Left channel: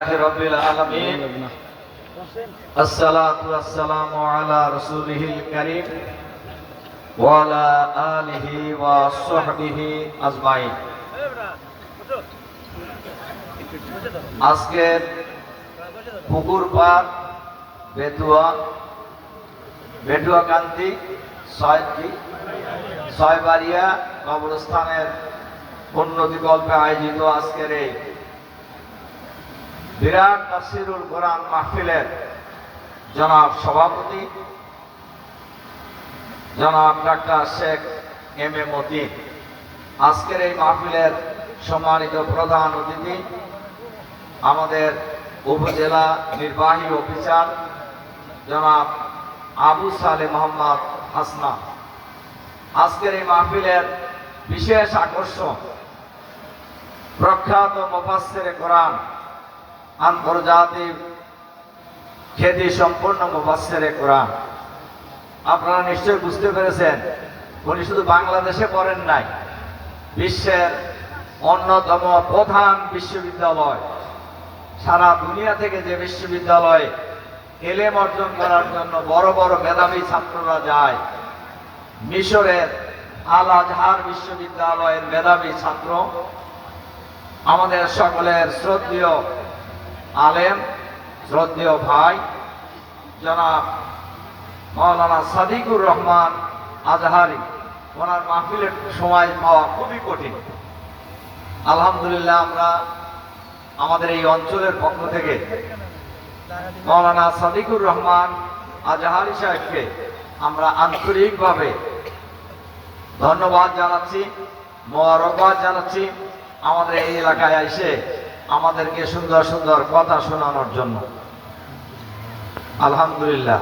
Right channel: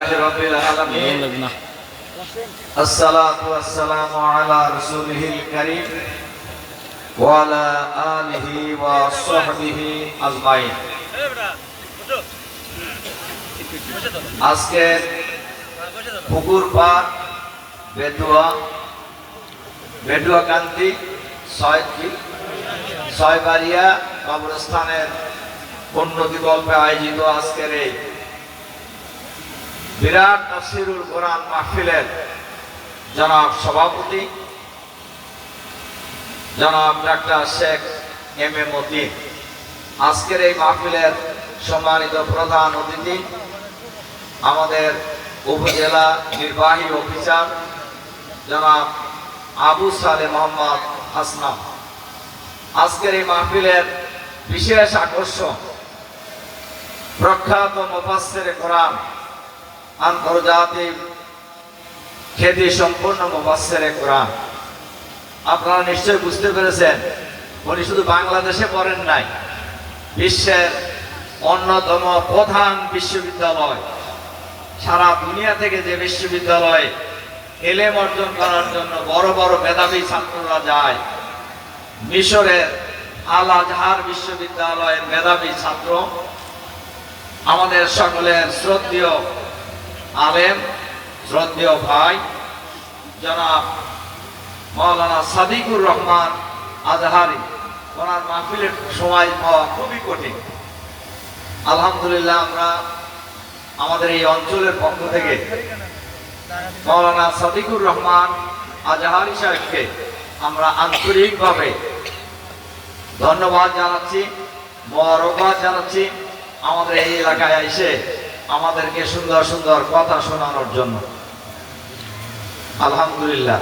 rabbil alamin assalatu wassalamu ala rasulihil karim wa ala alihi wa sahbihi ajmain। আজকে পুকুর পার বেটুয়া কান্তি ছয়বাড়িয়া কবরস্থানের উন্নতি কল্পে আয়োজিত আজকের এই বিরাট তাফসীরুল কোরআন মাহফিলের জনাব সভাপতি জনাব doctor Sheikh M A Matin, আজকের এই মাহফিলের সম্মানিত প্রধান অতিথি আমাদের উপজেলা নির্বাহী অফিসার জনাব আবু সালে মোহাম্মদ হাসনাম। আজকের এই মাহফিলের বিশেষ আকর্ষণ প্রখ্যাত মুফাসসিরে কোরআন, আন্তর্জাতিক খ্যাতি সম্পন্ন মুফাসসিরে কোরআন। আপনারা নিশ্চয়ই বুঝতে পেরেছেন, উনি শুধু বাংলাদেশে পড়েন নাই, বিশ্বের অন্যতম প্রধান বিশ্ববিদ্যালয়, সারা দুনিয়া থেকে যে বিশ্ববিদ্যালয়ে এলেম অর্জন করার জন্য বড় বড় মেধাবী ছাত্ররা যায়, মিশরের আল আজহার বিশ্ববিদ্যালয়ের মেধাবী ছাত্র আমাদের সকলের শ্রদ্ধেয় আলেম, শ্রদ্ধেয় ভাই জনাব মাওলানা সাদিকুর রহমান আজহারি, ওনার মাহফিলের সময় পাওয়া খুবই কঠিন। আলহামদুলিল্লাহ, আমরা আমাদের এই অঞ্চলের পক্ষ থেকে মাওলানা সাদিকুর রহমান আজহারি সাহেবকে আমরা আন্তরিকভাবে ধন্যবাদ জানাচ্ছি, মোবারকবাদ জানাচ্ছি আমাদের এই এলাকায় এসে আমাদেরকে সুন্দর সুন্দর কথা শোনানোর জন্য। আলহামদুলিল্লাহ।